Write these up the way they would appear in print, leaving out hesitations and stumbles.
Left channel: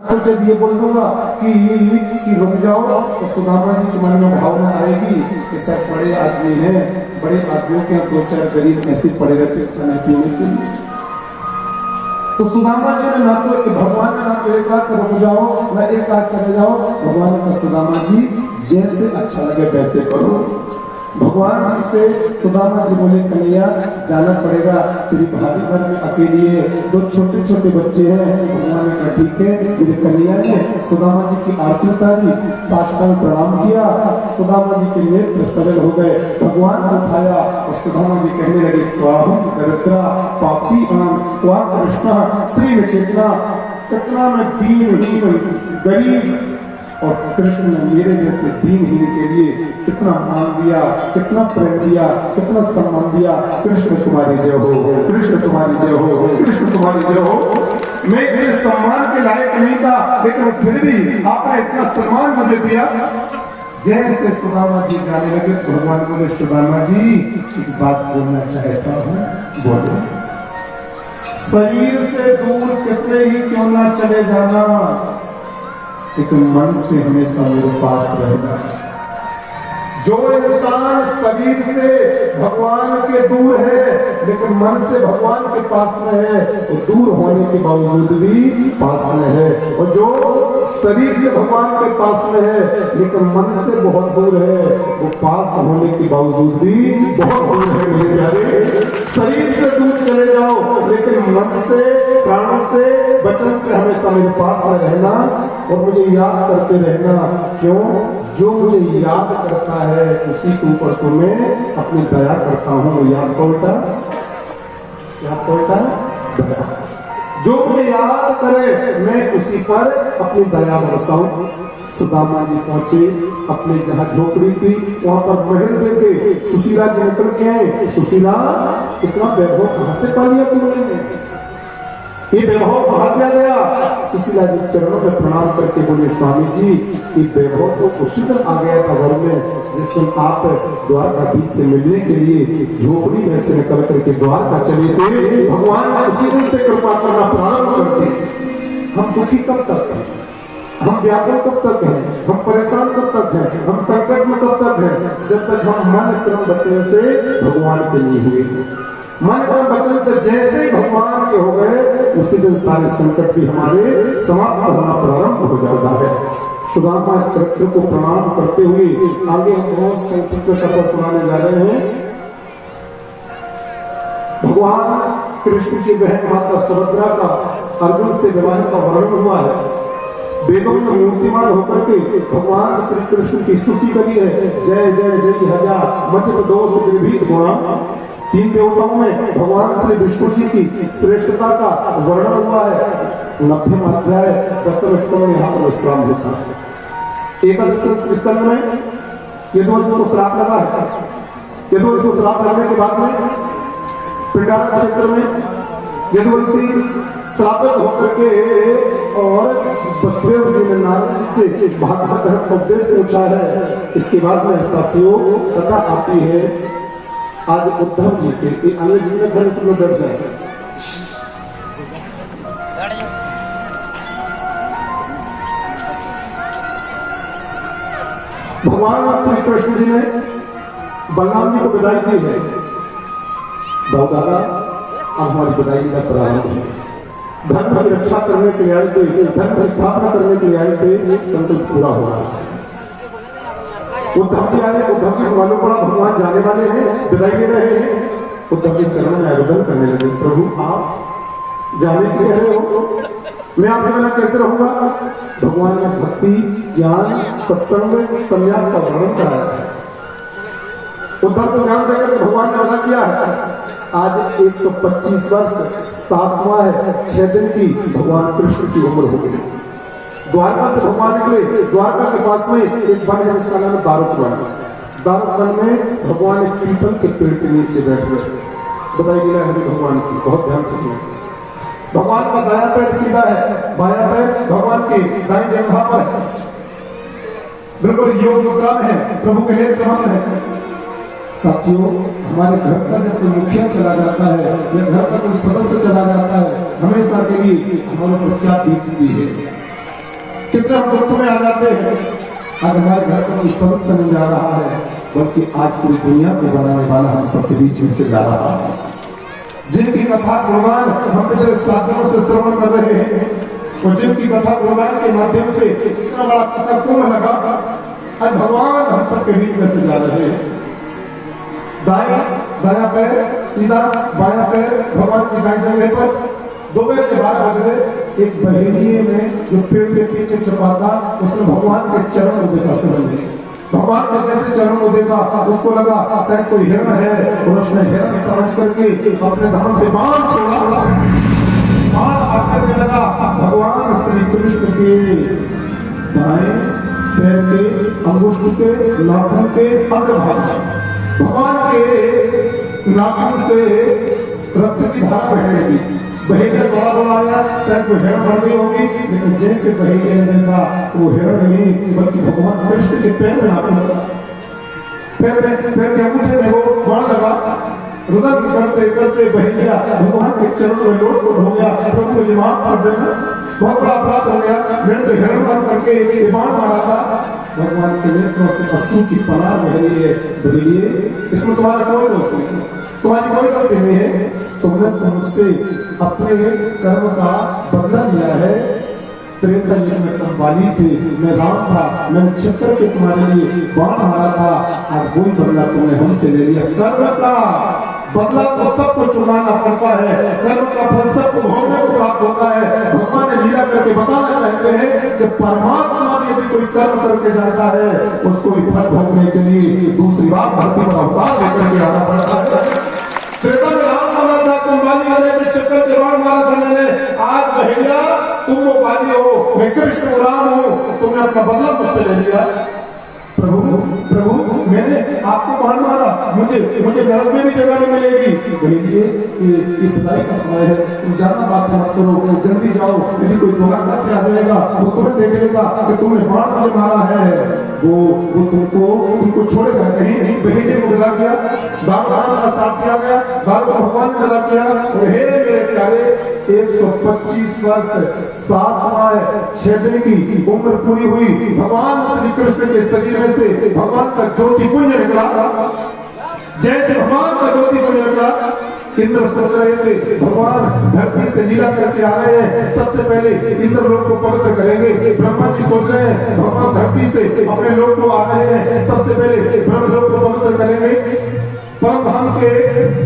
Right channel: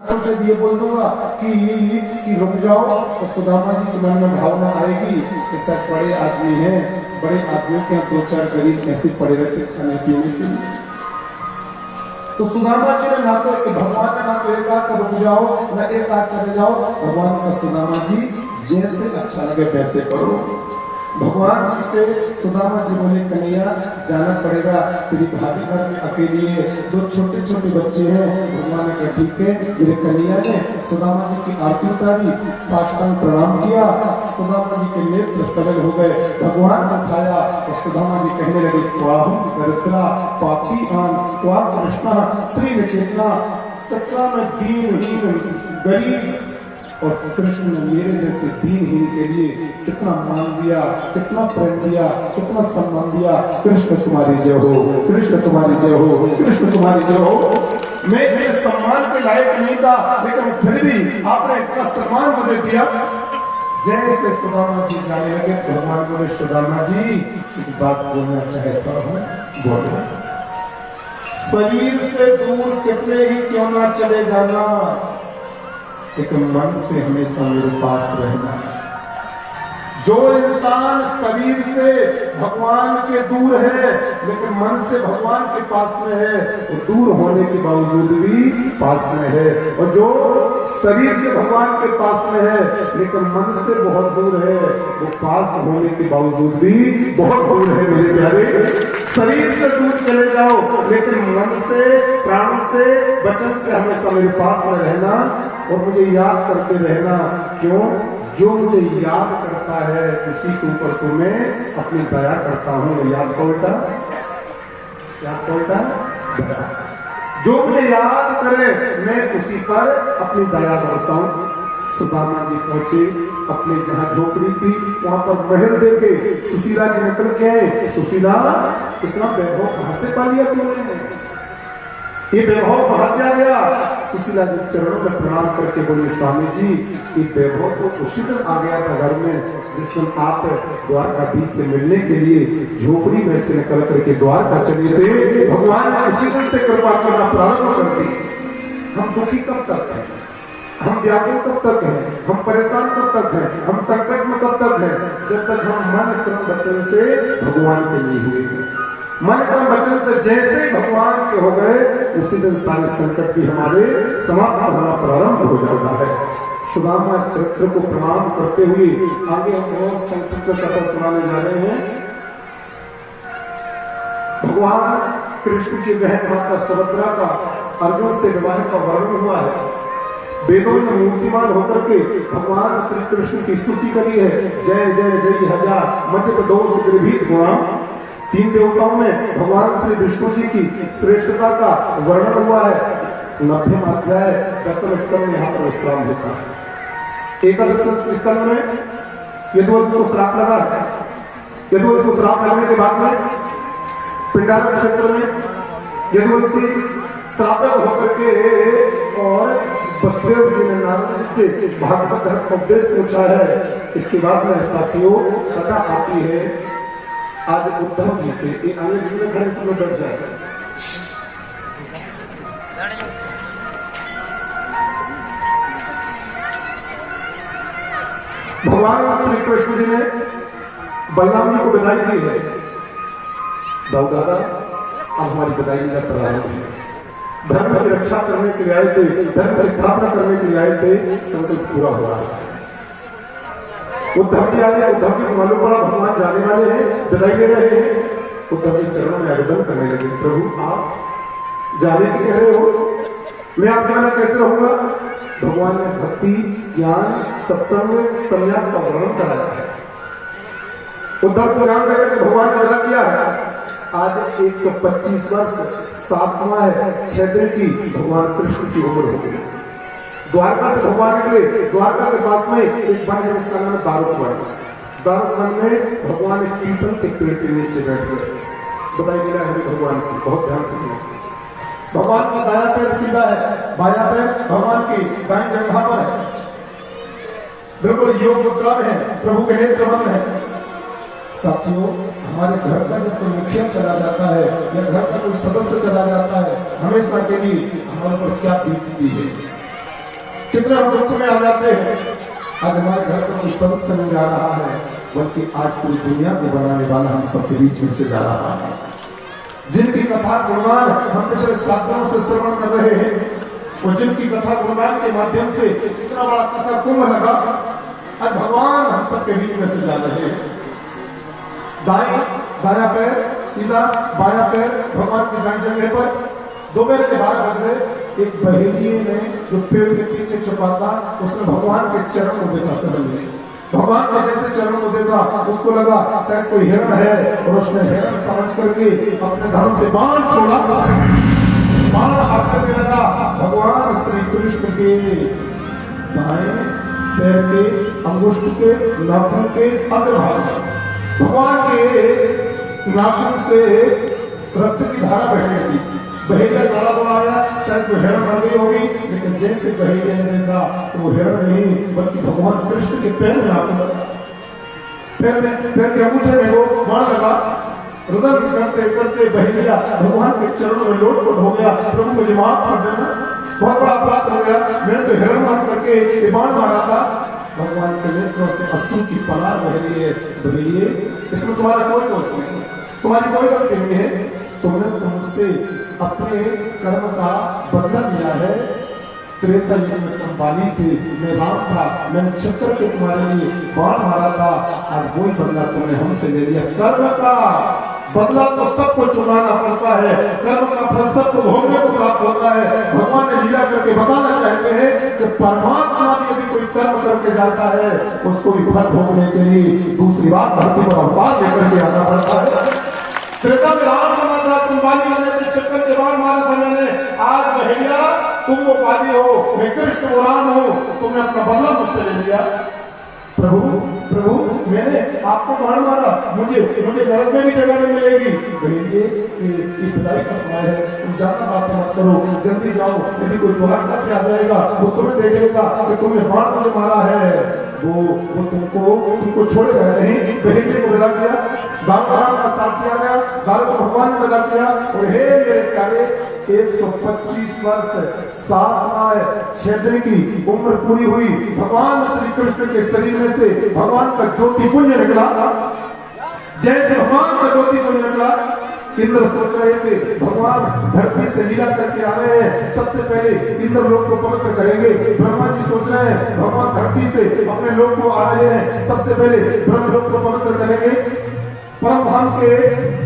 तो जब ये बोल दूंगा कि रुक जाओ तो सुदामा जी के मन में भावना आएगी कि सब बड़े आदमी हैं, बड़े आदमियों के यहाँ दो चार गरीब ऐसे पड़े रहते खाने पीने के लिए। तो सुदामा जी ने ना तो भगवान ने ना तो एक आध रुक जाओ ना एक आध चले जाओ। भगवान ने कहा सुदामा जी जैसे अच्छा लगे वैसे करो। भगवान जी से सुदामा जी बोले कन्हैया जाना पड़ेगा, तेरी भाभी घर में अकेली है, दो छोटे छोटे बच्चे हैं। भगवान ने कहा ठीक है। मेरे कन्हैया ने सुदामा जी की आरती उतारी, साष्टांग प्रणाम किया, सुदामा जी के नेत्र सरल हो गए। भगवान ने उठाया और सुदामा जी कहने लगे क्वाहम दरिद्रा पापी आन क्वा कृष्णा श्री निकेतना, कितना मैं दीनहीन गरीब और कृष्ण ने मेरे जैसे दीनहीन के लिए कितना मान दिया, कितना प्रेम दिया, कितना सम्मान दिया। कृष्ण तुम्हारी जय हो, कृष्ण तुम्हारी जय हो, कृष्ण तुम्हारी जय हो। मैं इस सम्मान के लायक नहीं था, लेकिन फिर भी आपने इतना सम्मान मुझे दिया। जैसे सुदामा जी जाने लगे तो भगवान बोले सुदामा जी एक बात बोलना चाहता हूँ, बोलो। शरीर से दूर कितने ही क्यों ना चले जाना, लेकिन मन से हमेशा मेरे पास रहना। जो इंसान शरीर से भगवान के दूर है लेकिन मन से भगवान के पास में है, वो दूर होने के बावजूद भी पास में है। और जो शरीर से भगवान के पास में है लेकिन मन से बहुत दूर है, वो पास होने के बावजूद भी बहुत दूर है। मेरे प्यारे, शरीर से दूर चले जाओ लेकिन मन से, प्राणों से, वचन से हमेशा मेरे पास में रहना और मुझे याद करते रहना। क्यों? जो मुझे याद करता है उसी के ऊपर तो मैं अपनी दया करता हूँ। याद को उल्टा दया। जो मुझे याद करे मैं उसी पर अपनी दया बरसता हूँ। सुदामा जी पहुंचे अपने जहाँ झोपड़ी थी वहां पर महल देखे सुशीला जी निकल के आए। सुशीला इतना वैभव कहां से पा लिया तुमने, ये वैभव कहां से आ गया? सुशीला जी चरणों में प्रणाम करके बोले स्वामी जी ये वैभव तो उसी दिन आ गया था घर में जिस दिन आप द्वारकाधीश से मिलने के लिए झोपड़ी में से निकल करके द्वारका चले थे। भगवान ने उसी दिन से कृपा करना प्रारंभ कर दी। हम दुखी कब तक हैं, हम व्याकुल कब तक हैं, हम परेशान कब तक हैं, हम संकट में कब तक हैं? जब तक हम मन क्रम वचन से भगवान के नहीं हुए। मन क्रम वचन से जैसे ही भगवान के हो गए उसी दिन सारे संकट भी हमारे समाप्त होना प्रारंभ हो जाता है। सुदामा चरित्र को प्रणाम करते हुए आगे हम संक्षिप्त कथा सुनाने जा रहे हैं। भगवान कृष्ण की बहन माता सुभद्रा का अर्जुन से विवाह का वर्णन हुआ है। वेदों में मूर्तिमान होकर के भगवान श्री कृष्ण की स्तुति करी है। जय जय जय हजार मध्य दोष निर्भीत गुणा। तीन देवताओं में भगवान श्री विष्णु जी की श्रेष्ठता का वर्णन हुआ है। 90वें अध्याय 10वें स्कंद में यहाँ पर विश्राम होता है। एकादश स्कंद में यदुवंश को श्राप लगा है। यदुवंश को श्राप लगने के बाद में पिंडारा क्षेत्र में यदुवंशी श्रापित होकर के और वसुदेव जी ने नारद जी से भागवत धर्म का उपदेश पूछा है। इसके बाद में साथियों कथा आती है आज उद्धव जी से। एक अंग्रेजी में खड़े सब लोग बैठ जाए। भगवान श्री कृष्ण जी ने बलराम जी को विदाई दी है। बाबू दादा अब हमारी विदाई का प्रारंभ है। धर्म की रक्षा करने के लिए आए थे, धर्म की स्थापना करने के लिए आए थे, संकल्प पूरा हुआ है। उद्धव जी आए, उद्धव जी को मालूम पड़ा भगवान जाने वाले हैं, विदाई ले रहे हैं। उद्धव जी चरणों में आवेदन करने लगे प्रभु आप जाने की कह रहे हो, मैं आप जाना कैसे रहूंगा? भगवान ने भक्ति ज्ञान सत्संग संन्यास का वर्णन कराया है। उद्धव को ज्ञान कहकर के भगवान ने वादा किया है। आज 125 वर्ष 7वां है 6 दिन की भगवान कृष्ण की उम्र हो गई। द्वारका से भगवान निकले। द्वारका के पास में एक वन है जिसका नाम है दारुक। दारुक वन में भगवान एक पीपल के पेड़ के नीचे बैठ गए। बताई लीला है भगवान की, बहुत ध्यान से सुनो। भगवान का दाया पैर सीधा है, बाया पैर भगवान की दाई जंघा पर है, बिल्कुल योग मुद्रा में है, प्रभु के नेत्र बंद है। साथियों हमारे घर का जब कोई मुखिया चला जाता है या घर का कोई सदस्य चला जाता है हमेशा के लिए हमारे पर क्या बीतती है। कितना हम दुख में आ जाते हैं। आज हमारे घर का कोई सदस्य नहीं जा रहा है, बल्कि आज पूरी दुनिया को बनाने वाला हम सबके बीच में से जा रहा है। जिनकी कथा गुणगान हम पिछले 7 दिनों से श्रवण कर रहे हैं, और जिनकी कथा गुणगान के माध्यम से इतना बड़ा कथा कुंभ लगा, आज भगवान हम सबके बीच में से जा रहे हैं। दाया पैर सीधा, बाया पैर भगवान की दाएं जगह पर। दोपहर के 12 बज गए। एक बहेलिए ने जो पेड़ के पीछे छुपा था, उसने भगवान के चरण को देखा। समझ में भगवान का जैसे चरण को देखा, उसको लगा शायद कोई हिरण है, और उसने हिरण समझ करके अपने धनुष से बाण छोड़ा। बाण आकर में लगा भगवान श्री कृष्ण के दाएं पैर के अंगुष्ठ के नाखून के अग्रभाग में। भगवान के नाखून से रक्त की धारा बहने लगी। बहेलिया बड़ा दौड़ाया, शायद वो हिरण मर गई होगी, लेकिन जैसे बहेलिया ने देखा तो वो हिरण नहीं, बल्कि भगवान कृष्ण के पैर में नाखून लगा। पैर के अंगूठे में वो बाण लगा। रुदन करते करते बहेलिया भगवान के चरणों में लोट-पोट हो गया। प्रभु मुझे माफ कर देना, बहुत बड़ा अपराध हो गया, मैंने तो हिरण मान करके बाण मारा था। भगवान के नेत्रों से अश्रु की पनार बह रही है। बहेलिए, इसमें तुम्हारा कोई दोष नहीं, तुम्हारी कोई गलती नहीं है। तुमने मुझसे अपने कर्म का बदला लिया है। त्रेता युग में तुम बाली थे, मैं राम था, मैंने चक्कर के तुम्हारे लिए बाण मारा था। आज वही बदला तुमने हमसे ले लिया। कर्म का बदला तो सबको चुकाना पड़ता है, कर्म का फल सबको भोगने को प्राप्त होता है। भगवान ने लीला करके बताना चाहते हैं कि परमात्मा भी यदि कोई कर्म करके जाता है, उसको भी फल भोगने के लिए दूसरी बार धरती पर अवतार लेकर के आना पड़ता है। त्रेता में राम मारा था, तुम बाली होने के चक्कर के बाण मारा था मैंने। आज बहेलिया तुम वो बाली हो, मैं कृष्ण वो राम हूं, तुमने अपना बदला मुझसे ले लिया। प्रभु प्रभु मैंने आपको बाण मारा, मुझे नरक में भी जगह नहीं मिलेगी। बहेलिए ये खुदाई का समय है, तुम ज्यादा बात मत करो, जल्दी जाओ। यदि कोई तुम्हारे पास आ जाएगा वो तुम्हें देख लेगा कि तुमने बाण मुझे मारा है, वो तुमको छोड़ेगा नहीं। बहेलिए को विदा किया, दान का साथ किया गया, दान को भगवान ने विदा किया। और हे मेरे प्यारे, 125 वर्ष 7 6 दिन की उम्र पूरी हुई। भगवान श्री कृष्ण के शरीर में से भगवान का ज्योति पुंज निकला। जैसे भगवान का ज्योति पुंज निकला, इंद्र सोच रहे थे भगवान धरती से लीला करके आ रहे हैं, सबसे पहले इंद्र लोग को पवित्र करेंगे। ब्रह्मा जी सोच रहे हैं भगवान धरती से अपने लोग को आ रहे हैं, सबसे पहले ब्रह्म लोग को पवित्र करेंगे। परम धाम के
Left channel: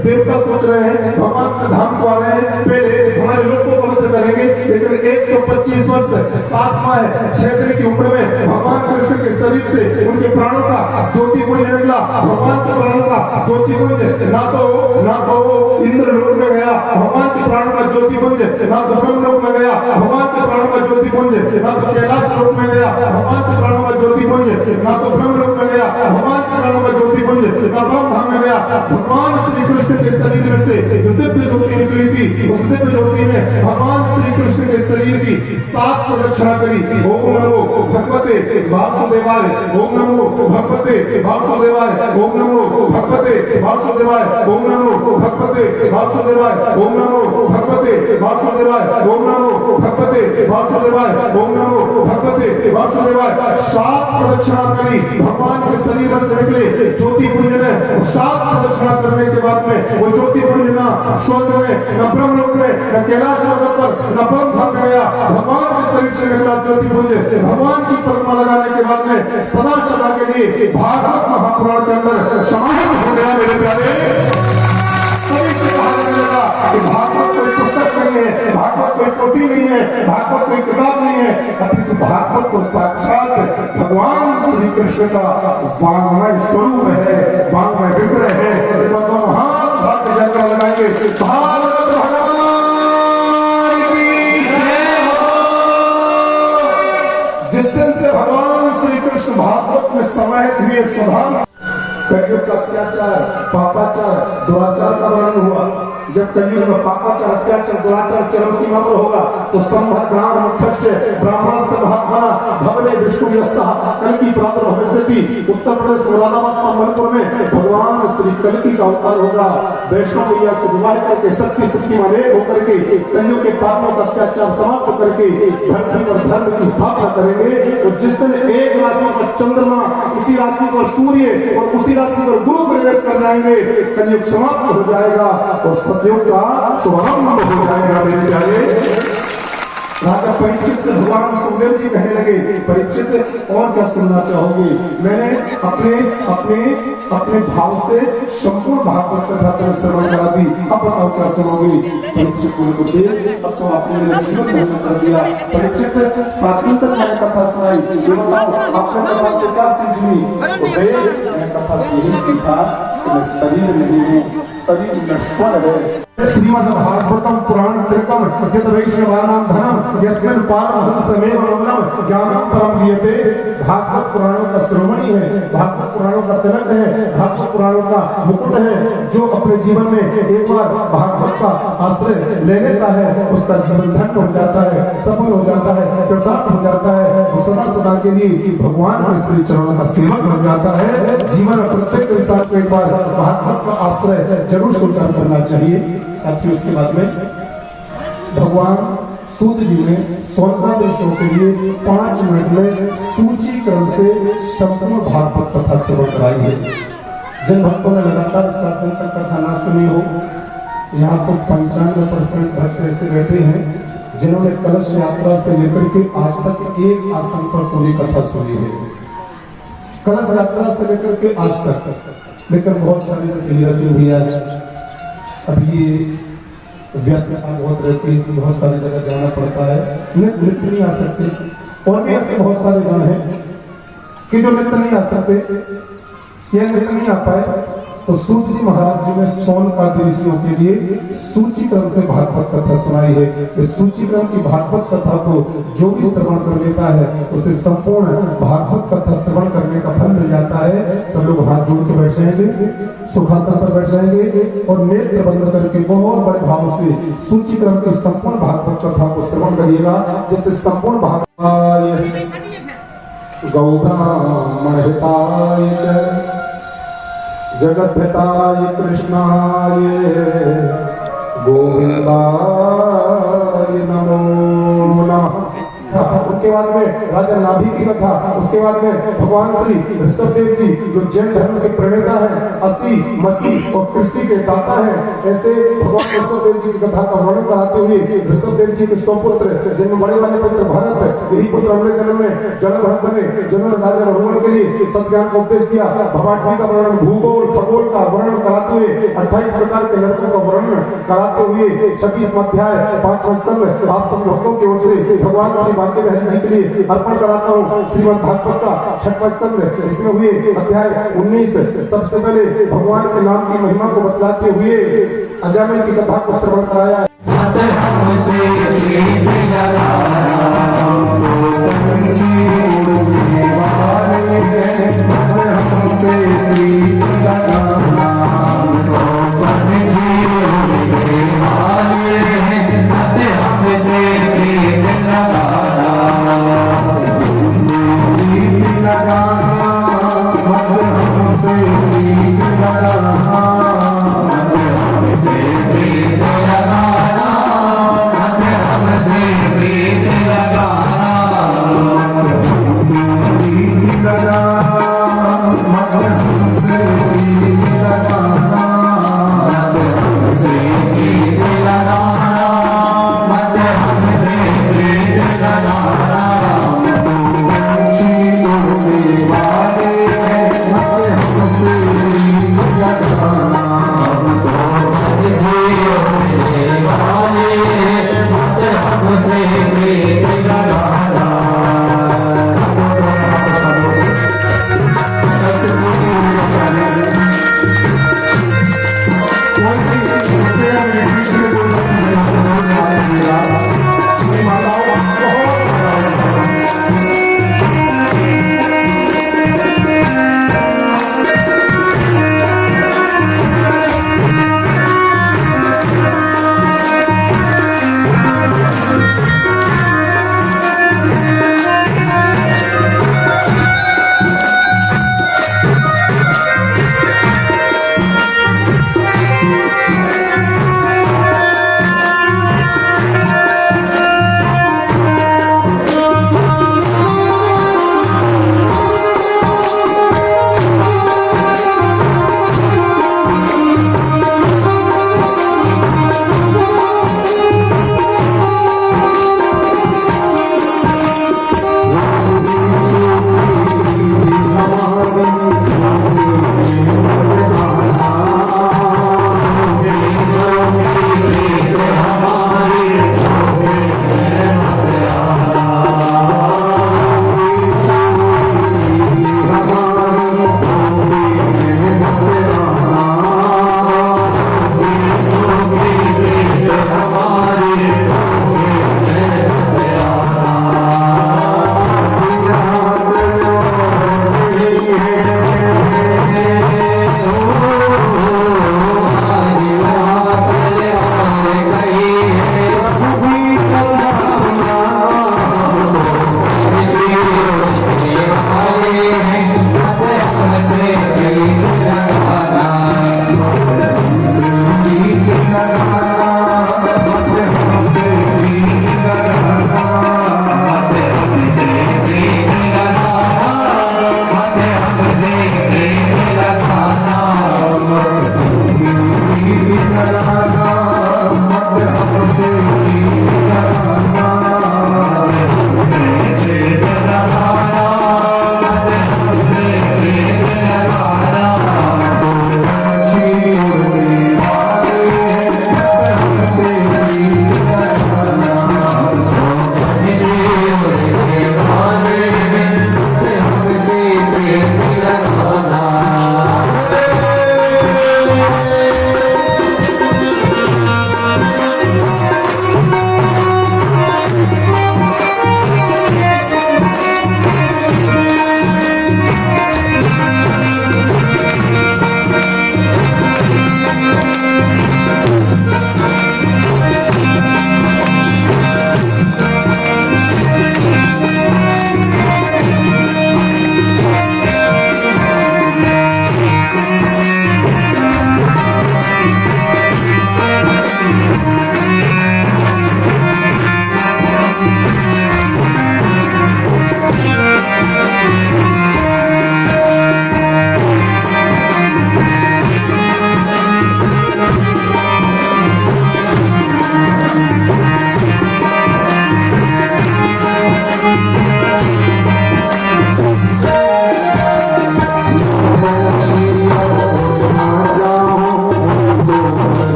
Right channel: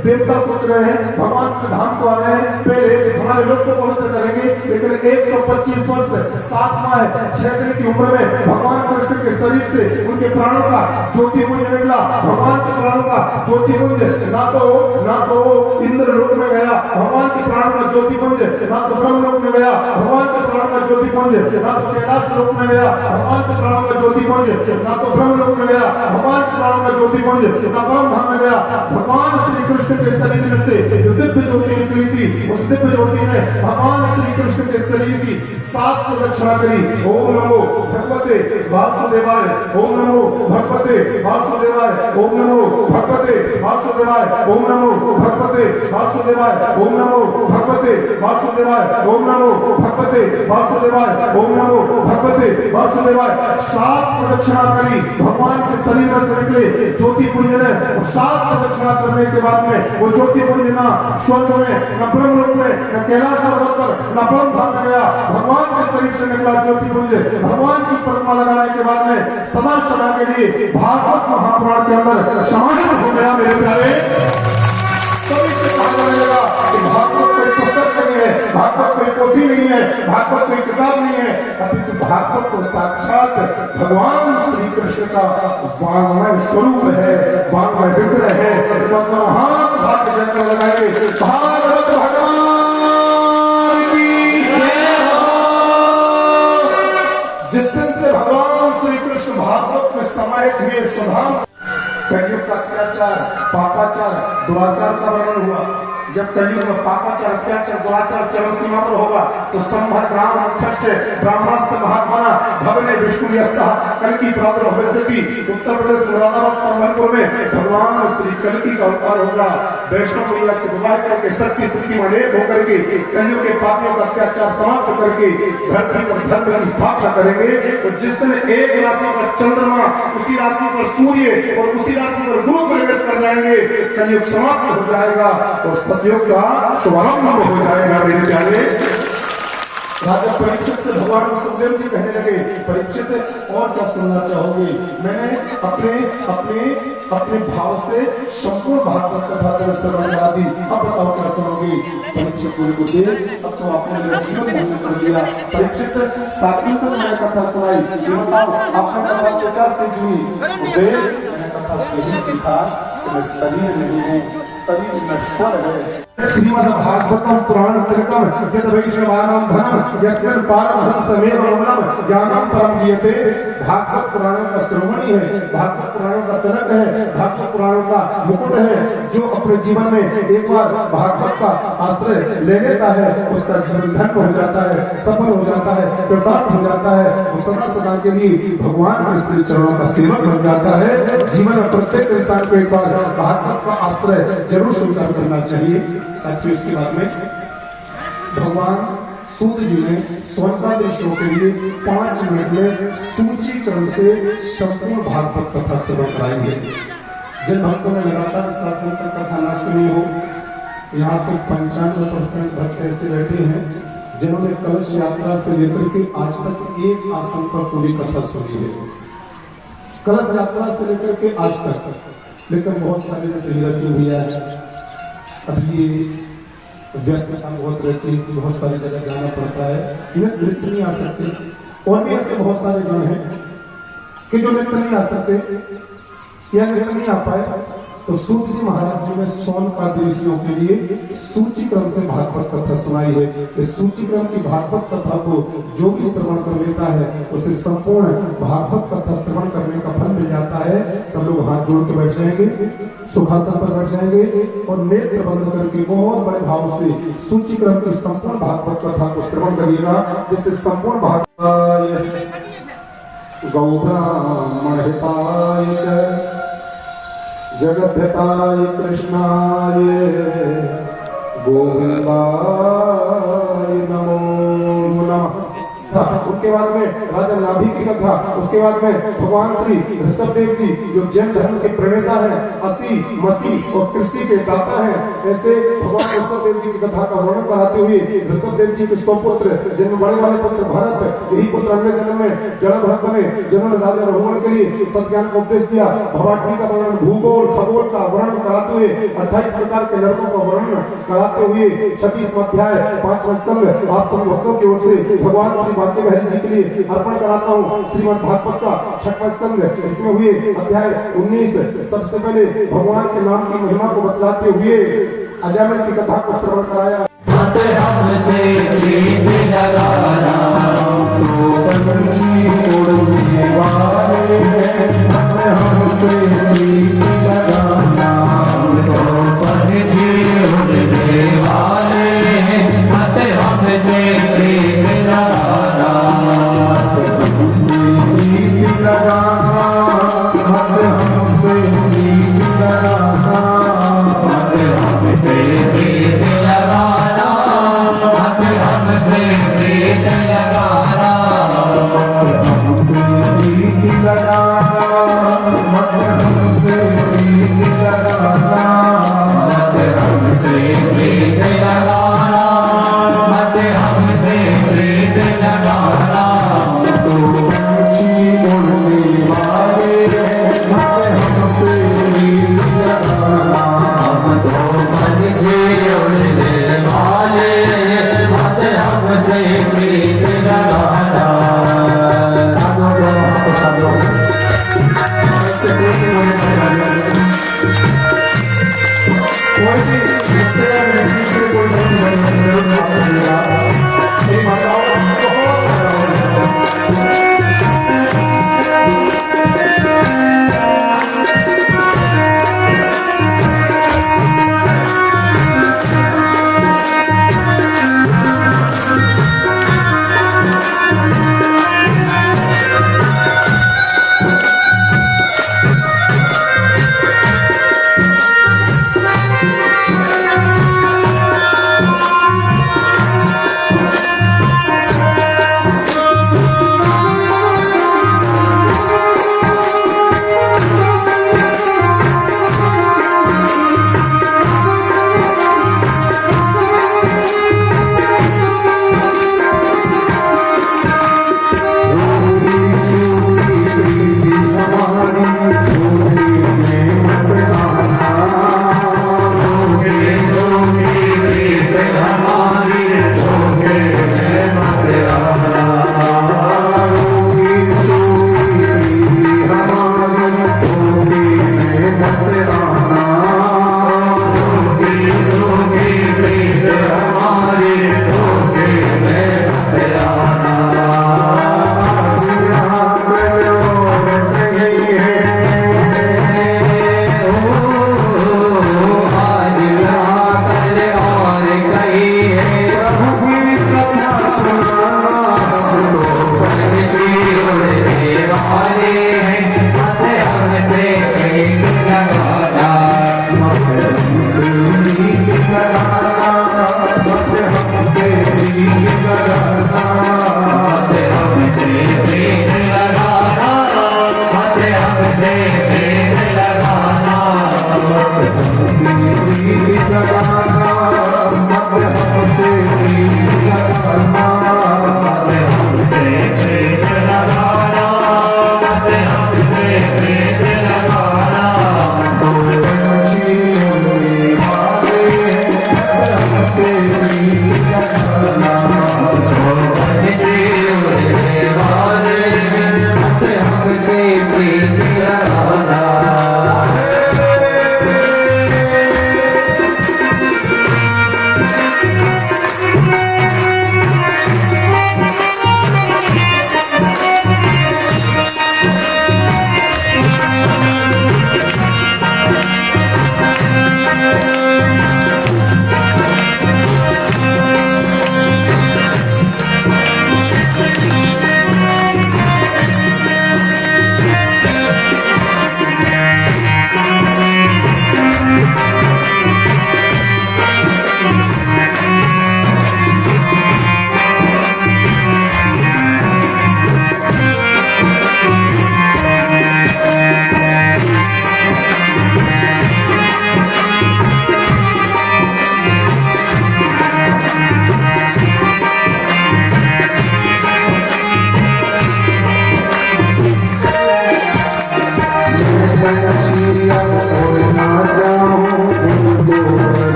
देवता सोच रहे हैं भगवान के धाम को आ रहे हैं, पहले हमारे लोग को पवित्र करेंगे। लेकिन 125 वर्ष 7 6 दिन की उम्र में भगवान कृष्ण के शरीर से उनके प्राणों का ज्योतिपुंज निकला। भगवान के प्राणों का ज्योतिपुंज ना तो इंद्र लोक में गया, भगवान के प्राणों का ज्योतिपुंज ना तो ब्रह्म लोक में गया, भगवान के प्राणों का ज्योतिपुंज ना तो कैलाश लोक में गया, भगवान के प्राणों का ज्योतिपुंज ना तो ब्रह्म लोक में गया, भगवान के प्राणों का ज्योतिपुंज ना परम धाम में गया। भगवान श्री कृष्ण के शरीर में से जो दिव्य ज्योति निकली थी, उस दिव्य ज्योति ने भगवान श्री कृष्ण के शरीर की 7 प्रदक्षिणा करी। ओम नमो भगवते वासुदेवाय, ओम नमो भगवते वासुदेवाय, ओम नमो भगवते वासुदेवाय, ओम नमो भगवते वासुदेवाय, ओम नमो भगवते वासुदेवाय, ओम नमो भगवते वासुदेवाय, ओम नमो भगवते वासुदेवाय। 7 प्रदक्षिणा करी। भगवान के शरीर में से निकले ज्योति पुंज ने 7 प्रदक्षिणा करने के बाद में वो ज्योति पुंज ना स्वर्ग में, न ब्रह्म लोक में, न कैलाश पर्वत पर, न परम धाम में गया। भगवान के शरीर से निकला ज्योति पुंज भगवान की प्रतिमा लगाने के बाद में सदा के लिए भागवत महापुराण के अंदर समाहित हो गया। मेरे प्यारे, कभी से कहा जाएगा कि भागवत कोई पुस्तक नहीं है, भागवत कोई पोथी नहीं है, भागवत कोई किताब नहीं है, अपितु भागवत तो साक्षात भगवान श्री कृष्ण का वाङ्मय स्वरूप है, वाङ्मय विग्रह है। महान भाग्य जंगल लगाएंगे भागवत भगवान की जय हो। जिस दिन से भगवान श्री कृष्ण भागवत में समाहित हुए, स्वधाम कलयुग का अत्याचार, पापाचार, दुराचार का वर्णन हुआ। जब कलयुग में पापाचार, अत्याचार, दुराचार चरम सीमा पर होगा तो संभर ग्राम मुख्य ब्राह्मण से महात्मा भगने विष्णु यस्ता कल्कि प्रातः भविष्यति। उत्तर प्रदेश मुरादाबाद संबलपुर में भगवान श्री कल्कि का अवतार होगा। वैष्णव मैया से विवाह करके शक्ति शक्तिमान एक होकर के कलियुग के पापों का अत्याचार समाप्त करके धरती पर धर्म की स्थापना करेंगे। और जिस दिन एक राशि पर चंद्रमा, उसी राशि पर सूर्य और उसी राशि पर गुरु प्रवेश कर जाएंगे, कलयुग समाप्त हो जाएगा और सतयुग का शुभारंभ हो जाएगा। मेरे प्यारे राजा परीक्षित से भगवान सुखदेव जी कहने लगे, परीक्षित और क्या सुनना चाहोगे? मैंने अपने अपने अपने भाव से संपूर्ण भागवत कथा का श्रवण करा दी, अब बताओ क्या सुनोगे? परीक्षित ने बोले, अब तो आपने मेरा जीवन धन्य कर दिया। परीक्षित 7 दिन तक मैंने कथा सुनाई, ये बताओ आपने कथा से क्या सीख ली? मैंने कथा से यही सीखा कि मैं शरीर नहीं हूँ, शरीर नश्वर है। श्रीमद् भागवतम पुराण तिलकम यत वैष्णवानां धनम यस्मिन् पारमहंसमेव ममनम ज्ञानम परम गीयते। भागवत पुराणों का श्रोमणी है, भागवत पुराणों का तिलक है, भागवत पुराणों का मुकुट है। जो अपने जीवन में एक बार भागवत का आश्रय ले लेता है, उसका जीवन धन्य हो जाता है, सफल हो जाता है, कृतार्थ हो जाता है। वो सदा सदा के लिए भगवान के श्री चरणों का सेवक बन जाता है। जीवन में प्रत्येक इंसान को एक बार भागवत का आश्रय जरूर स्वीकार करना चाहिए। साथियों, इसके बाद में भगवान सूत जी ने सोनकादि श्लोक के लिए 5 मिनट में सूची क्रम से संपूर्ण भागवत कथा श्रवण कराई है। जिन भक्तों ने लगातार 7 दिन तक कथा ना सुनी हो, यहाँ तो 95% भक्त ऐसे बैठे हैं जिन्होंने कलश यात्रा से लेकर के आज तक एक आसन पर पूरी कथा सुनी है। कलश यात्रा से लेकर के आज तक, लेकिन बहुत सारे जैसे हीरा सिंह भैया अब ये व्यस्तता बहुत रहती है, बहुत सारी जगह जाना पड़ता है, नृत्य नहीं आ सकते। और भी ऐसे बहुत सारे जन हैं कि जो नृत्य नहीं आ सकते या नृत्य नहीं आ पाए, तो सूत जी महाराज जी ने सोनकादि ऋषियों के लिए सूची क्रम से भागवत कथा सुनाई है। इस सूची क्रम की भागवत कथा को जो भी श्रवण कर लेता है, उसे संपूर्ण भागवत कथा श्रवण करने का फल मिल जाता है। सब लोग हाथ जोड़ के बैठ जाएंगे, सुखासन पर बैठ जाएंगे और नेत्र बंद करके बहुत बड़े भाव से सूची क्रम की संपूर्ण भागवत कथा को श्रवण करिएगा, जिससे संपूर्ण भागवत गौब्राह्मण हिताय जगद्धिताय कृष्णाय गोविंदाय नमो नमः। उसके बाद में राजा नाभि की कथा, उसके बाद में भगवान श्री ऋषभदेव जी जो जैन धर्म के प्रणेता हैं, अस्थि मस्ती और कृष्टि के दाता हैं, ऐसे भगवान ऋषभदेव जी की कथा का वर्णन कराते हुए ऋषभदेव जी के 100 पुत्र, जिनमें बड़े वाले पुत्र भरत, यही पुत्र अगले जन्म में जन भरत बने, जिन्होंने राजा रघुवन के लिए सत्यान का उपदेश दिया। भवाटवी का वर्णन, भूगोल खगोल का वर्णन कराते हुए 28 प्रकार के लड़कों का वर्णन कराते हुए 26वां अध्याय 5वां स्कंद आप सब भक्तों की ओर से भगवान श्री बांके बिहारी जी के लिए अर्पण कराता हूँ। श्रीमद् भागवत का 6वां स्कंद, इसमें हुए अध्याय 19। सबसे पहले भगवान के नाम की महिमा को बतलाते हुए अजामिल की कथा को श्रवण कराया।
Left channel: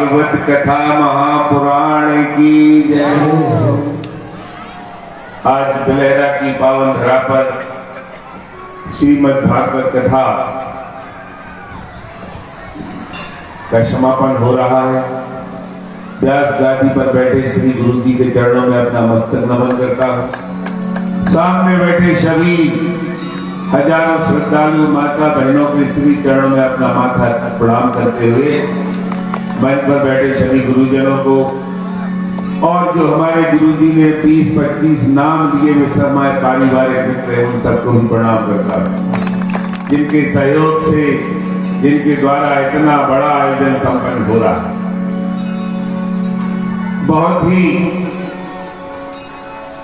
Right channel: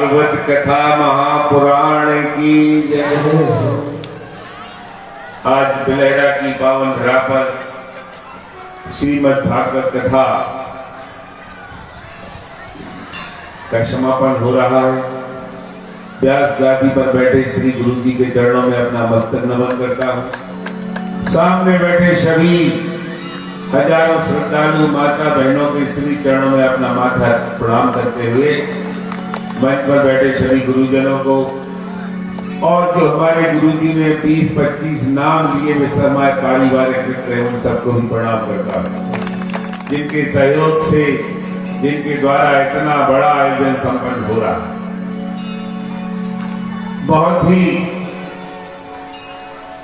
भागवत कथा महापुराण की जय। आज बिलहरा की पावन धरा पर श्रीमद् भागवत कथा का समापन हो रहा है। व्यास गादी पर बैठे श्री गुरु जी के चरणों में अपना मस्तक नमन करता हूँ। सामने बैठे सभी हजारों श्रद्धालु माता बहनों के श्री चरणों में अपना माथा प्रणाम करते हुए मंच पर बैठे सभी गुरुजनों को और जो हमारे गुरुजी ने 20-25 नाम दिए वे सब हमारे पारिवारिक मित्र हैं, उन सबको भी प्रणाम करता हूँ, जिनके सहयोग से जिनके द्वारा इतना बड़ा आयोजन संपन्न हो रहा है। बहुत ही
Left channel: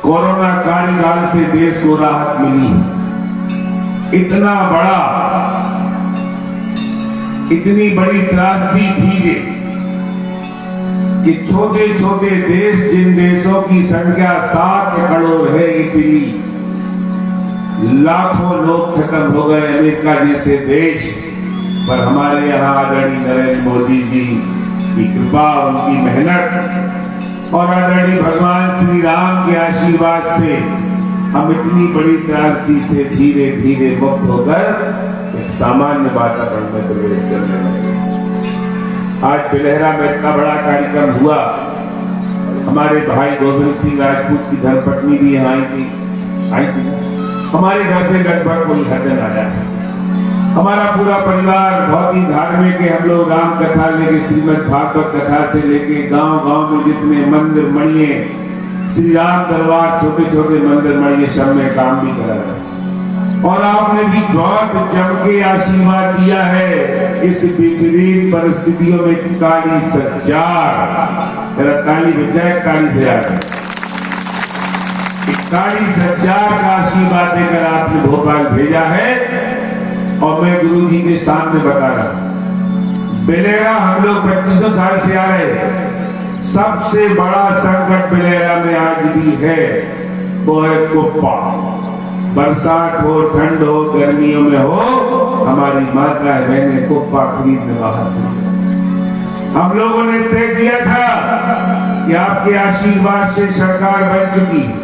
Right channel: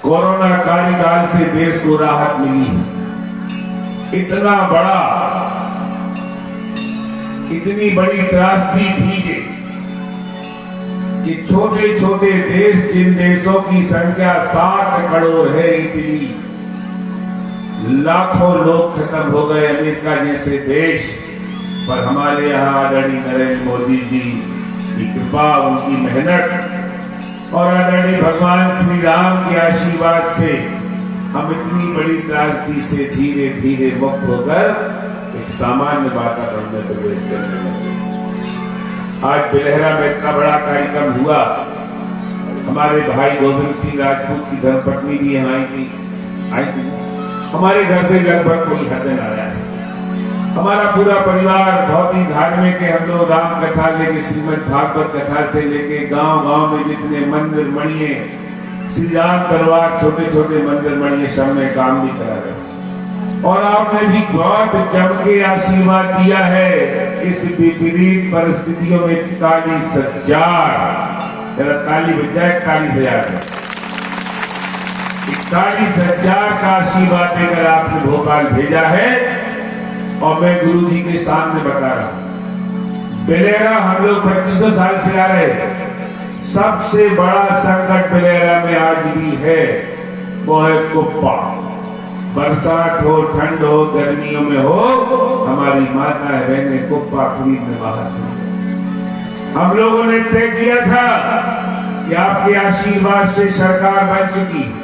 कोरोना कार्यकाल से देश को राहत मिली है। इतना बड़ा इतनी बड़ी त्रासदी थी कि छोटे छोटे देश, जिन देशों की संख्या 7 करोड़ है, इतनी लाखों लोग खत्म हो गए अमेरिका जैसे देश पर हमारे यहाँ आदरणीय नरेंद्र मोदी जी की कृपा, उनकी मेहनत और आदरणीय भगवान श्री राम के आशीर्वाद से हम इतनी बड़ी त्रासदी से धीरे धीरे मुक्त होकर एक सामान्य वातावरण में प्रवेश करने लगे। आज बिलहरा में इतना बड़ा कार्यक्रम हुआ। हमारे भाई गोविंद सिंह राजपूत की धर्मपत्नी भी यहाँ आई थी। हमारे घर से लगभग कोई हद न आया। हमारा पूरा परिवार बहुत ही धार्मिक है। हम लोग राम कथा लेके, श्रीमद् भागवत कथा से लेके गांव गांव में जितने मंदिर मणिये, श्री राम दरबार, छोटे छोटे मंदिर मणिये सब में काम भी करा रहे। और आपने भी बहुत जम के आशीर्वाद दिया है। इस विपरीत परिस्थितियों में 41,000 ताली बजाय 41,000 का आशीर्वाद देकर आपने भोपाल भेजा है। और मैं गुरु जी के सामने बता रहा हूं, बिलहरा हम लोग 2500 साल से आ रहे हैं। सबसे बड़ा संकट बिलहरा में आज भी है, वो है कुप्पा। बरसात हो, ठंड हो, गर्मियों में हो, हमारी माता बहनें कुप्पा खरीदने बाहर। हम लोगों ने तय किया था कि आपके आशीर्वाद से सरकार बन चुकी है।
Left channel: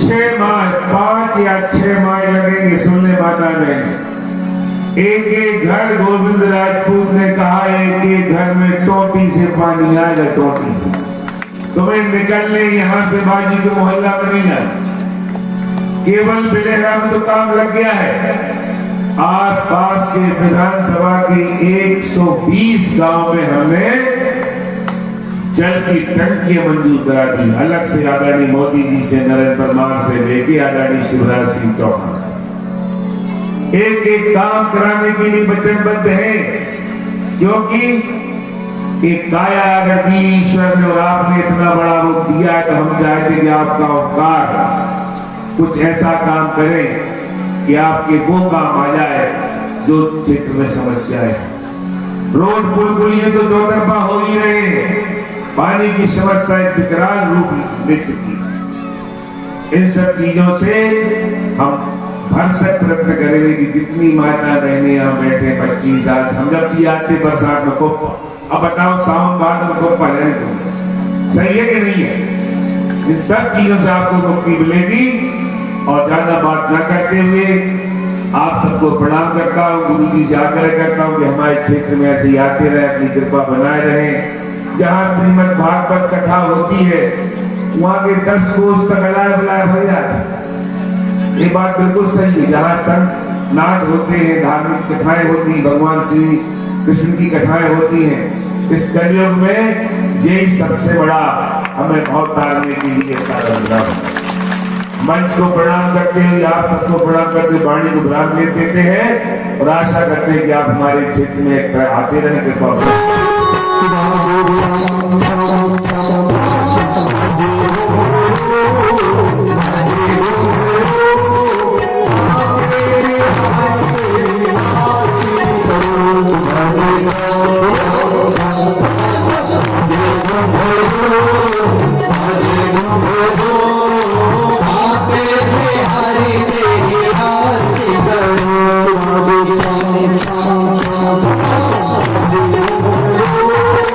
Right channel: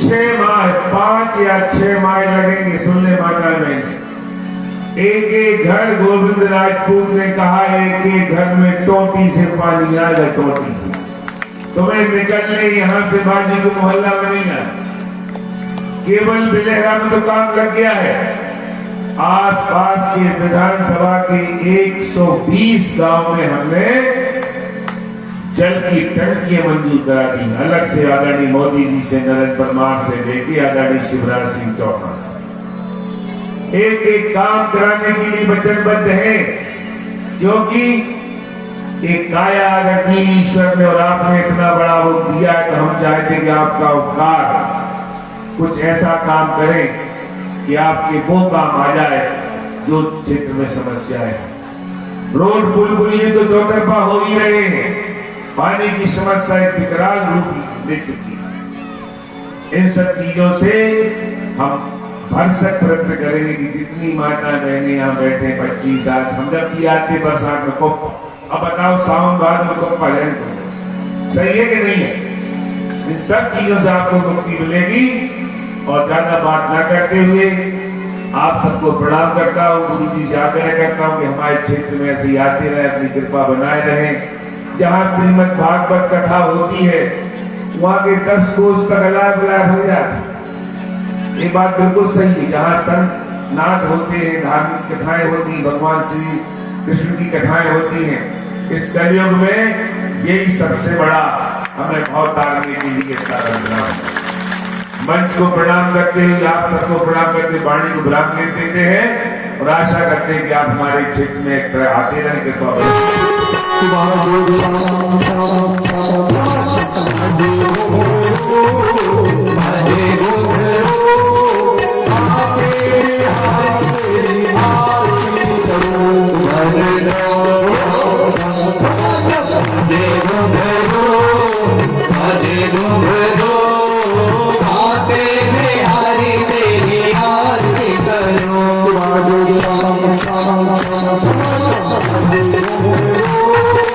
6 माह, 5 या 6 माह लगेंगे। सुन ले माता बहनें, एक एक घर, गोविंद राजपूत ने कहा एक एक घर में टोटी से पानी आ जाए, टोटी से। तुम्हें निकलने यहाँ से बाजी के मोहल्ला में नहीं आए। केवल बिलहरा में तो काम लग गया है। आसपास के विधानसभा के 120 गांव में हमने जल की टंकियां मंजूर करा दी। अलग से आदरणीय मोदी जी से, नरेंद्र परमार से लेके आदरणीय शिवराज सिंह चौहान से एक एक काम कराने के लिए वचनबद्ध है। क्योंकि एक काया अगर दी ईश्वर ने और आपने इतना बड़ा वो दिया, तो हम चाहते कि आपका उपकार कुछ ऐसा काम करें कि आपके वो काम आ जाए जो क्षेत्र में समस्या है। रोड पुल पुलिये तो चौतरफा हो ही रहे हैं। पानी की समस्या एक विकराल रूप ले चुकी। इन सब चीजों से हम भरसक प्रयत्न करेंगे कि जितनी माता बहने यहाँ बैठे 25 साल, हम जब भी आते बरसात में कुप्पा, अब बताओ सावन बाद में कुप्पा लेने को सही है कि नहीं है? इन सब चीजों से आपको मुक्ति मिलेगी। और ज्यादा बात न करते हुए आप सबको प्रणाम करता हूँ, गुरु जी से आग्रह करता हूँ कि हमारे क्षेत्र में ऐसे आते रहे, अपनी कृपा बनाए रहे। जहाँ श्रीमद् भागवत कथा होती है वहाँ के 10 कोस तक अलाया बुलाया भर जाता। ये बात बिल्कुल सही है। जहाँ संत नाद होते हैं, धार्मिक कथाएं होती हैं, भगवान श्री कृष्ण की कथाएं होती हैं, इस कलयुग में यही सबसे बड़ा हमें भाव तारने के लिए साधन बना है। मंच को प्रणाम करते हैं, आप सबको प्रणाम करते वाणी को विराम देते हैं और आशा करते हैं कि आप हमारे क्षेत्र में आते रहें। कृपा Thank you.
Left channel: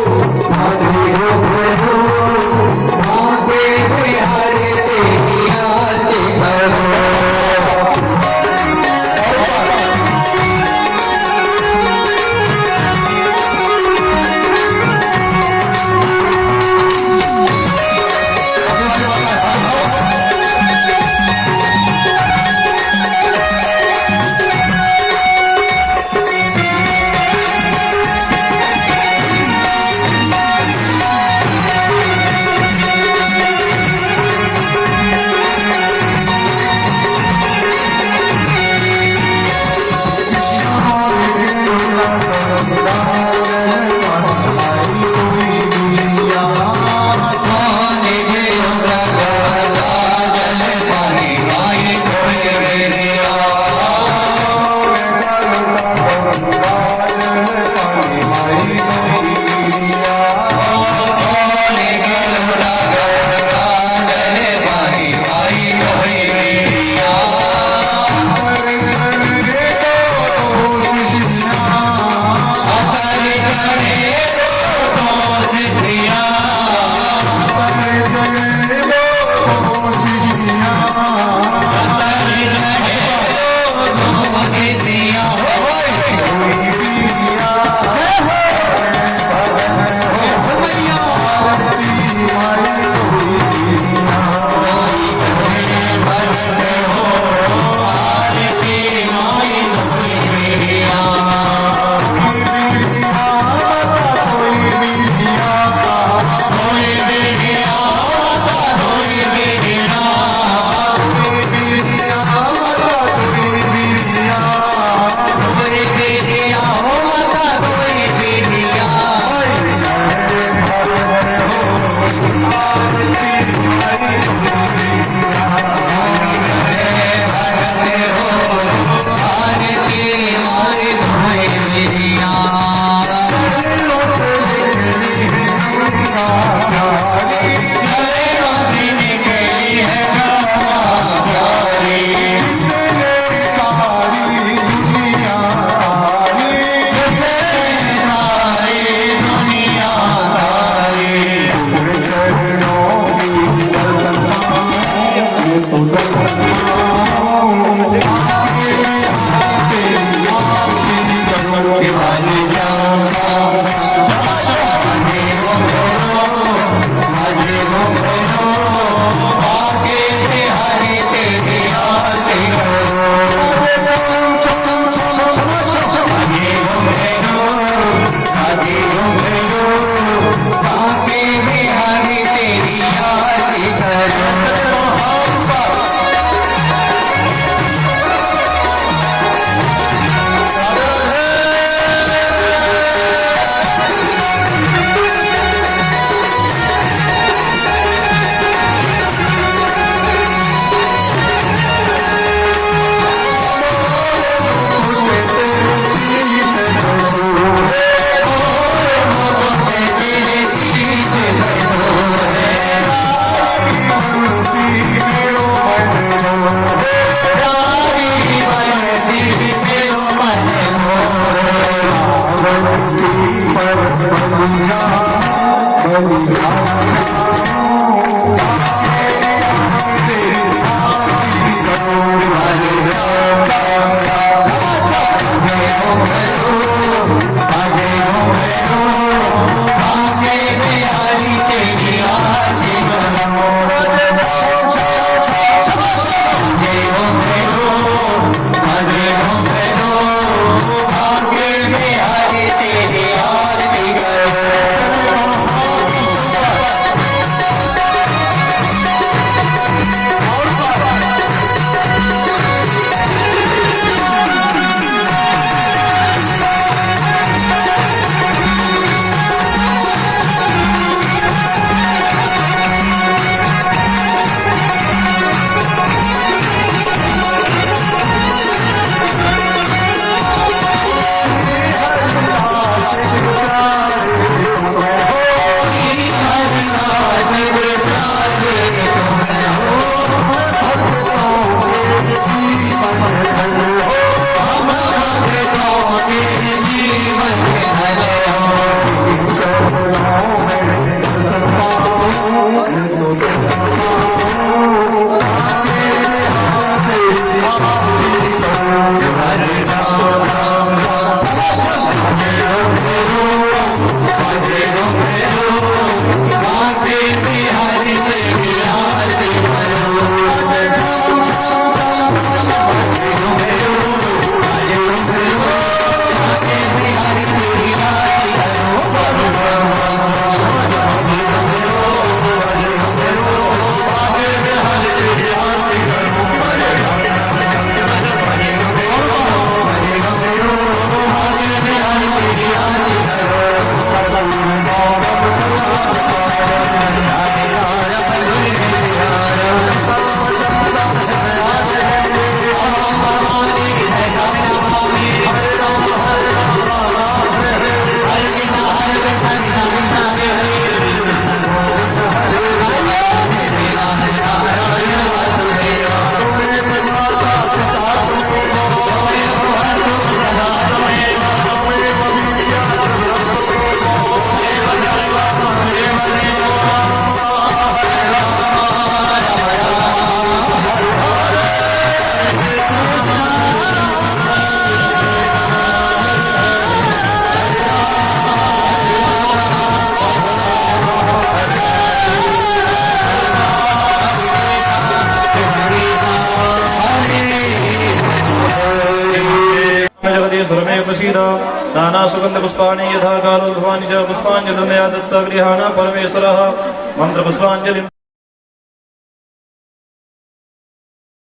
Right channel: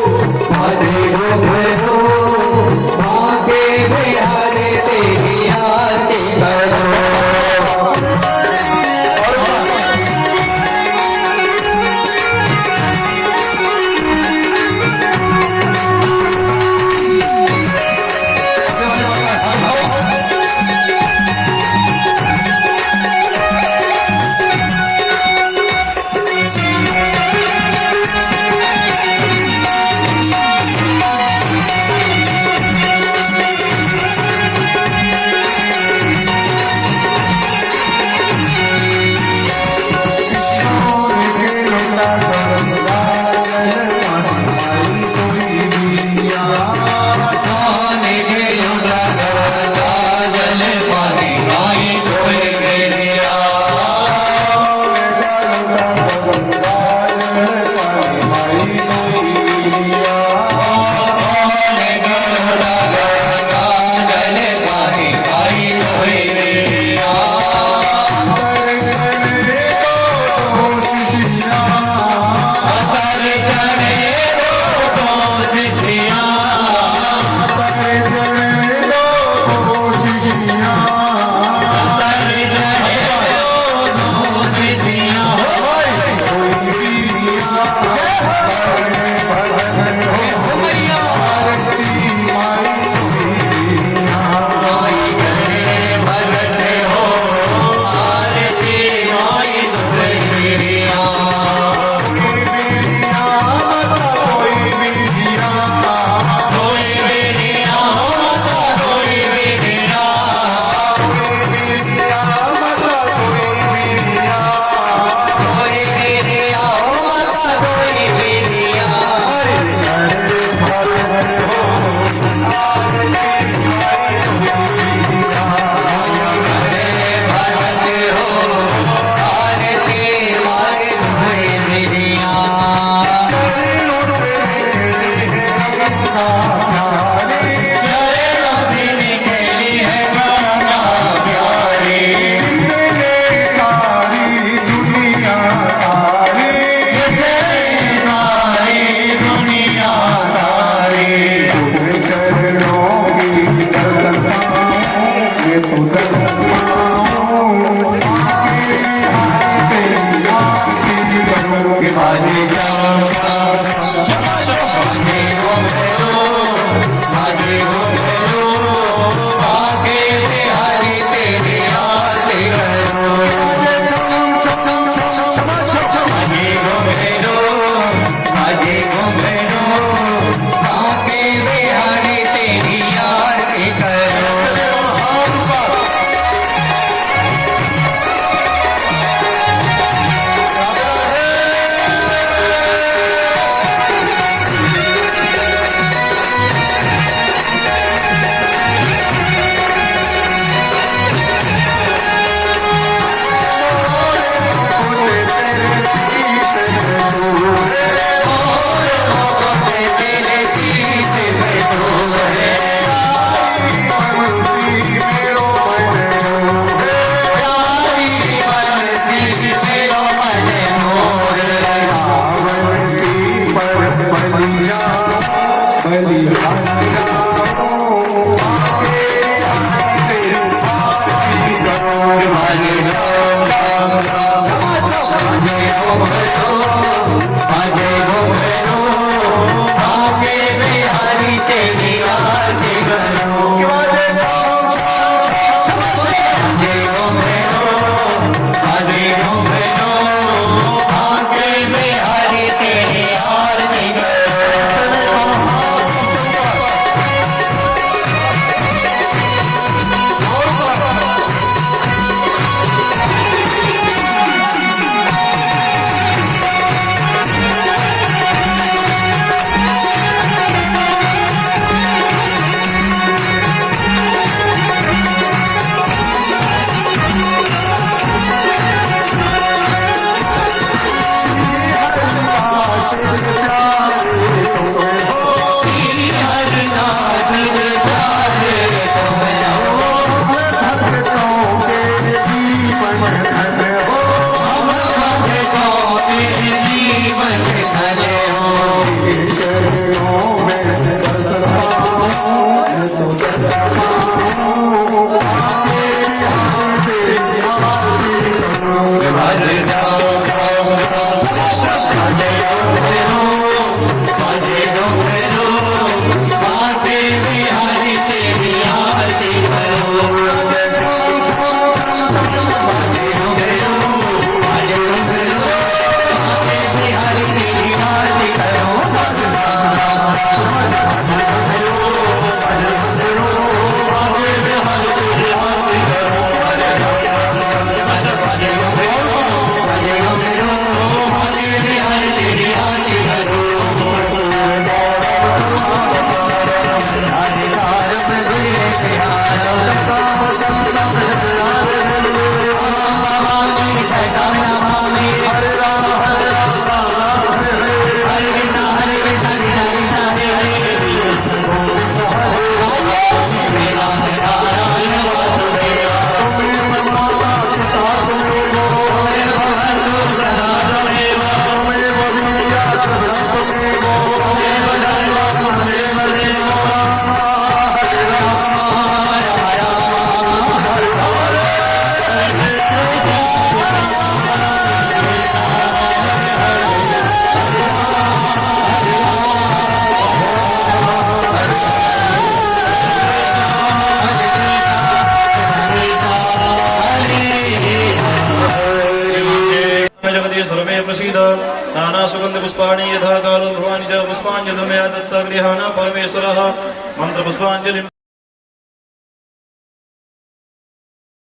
नाना सुगंध पुष्पाणि यथा कालो भवानि च पुष्पाञ्जलिर्मया दत्ता गृहाण परमेश्वरः मंत्र पुष्पाञ्जलि